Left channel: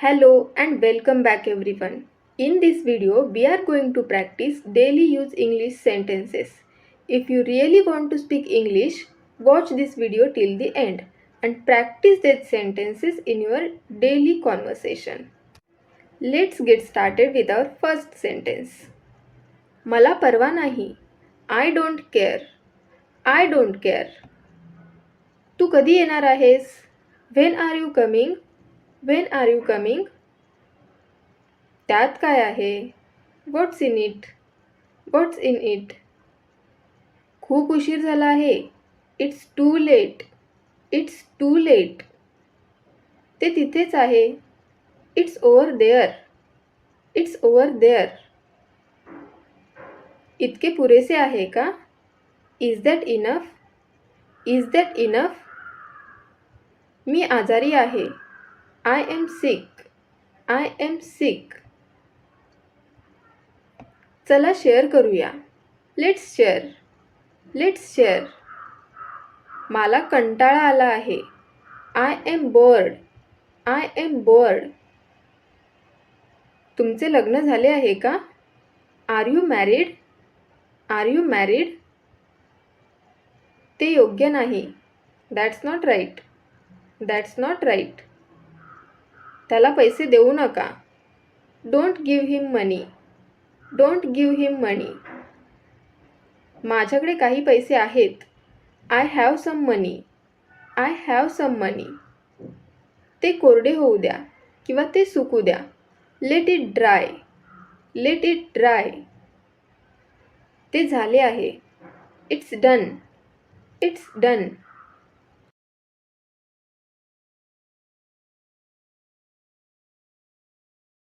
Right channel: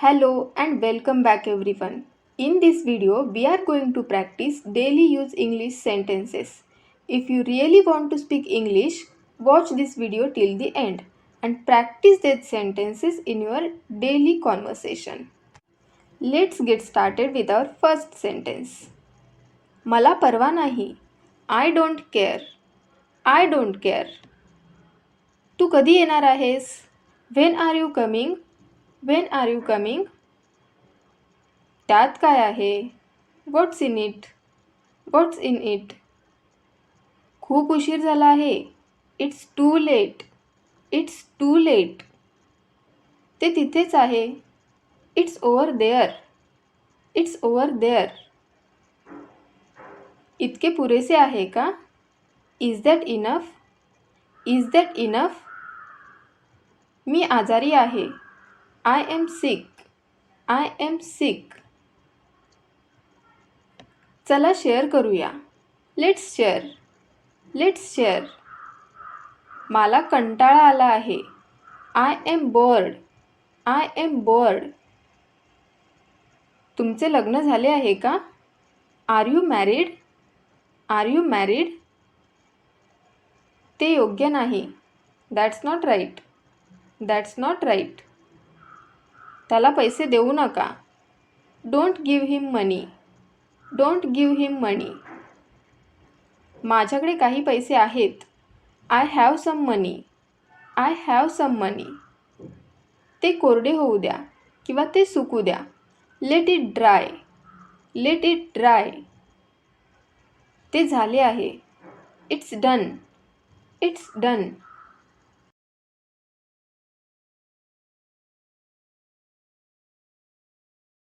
Hello and welcome back everyone. In this video, we are going to practice daily use English sentences. If you really want to speak English, watch this video till the end and practice these sentences in your daily conversation. Let's get started with our first sentence. मला परवा नाही. I don't care. I don't care. तू कधी येणार आहेस? When are you coming? When are you coming? त्यात काय आहे? What's in it? What's in it? खूप उशीर झाला आहे. It's too late. It's too late. ते तिथेच आहे. It's over there. It's over there. इतके पुरेसे आहे का? Is that enough? Is that enough? मी आजारी आहे. I am sick. I am sick. चला शेअर करूया. Let's share. Let's share. मला कंटाळा आला आहे. I am bored. I am bored. तुमचे लग्न झाले आहे का? Are you married? Are you married? ते योग्य नाही. That's not right. That's not right. त्याला पैसे देऊ नका. Don't give him money. Don't give him money. माझ्याकडे काही पैसे आहेत. I have some money. I have some money. ते कोरडे होऊ द्या किंवा ते सुकू द्या. Let it dry. Let it dry. ते झाले आहे. It's done. It's done.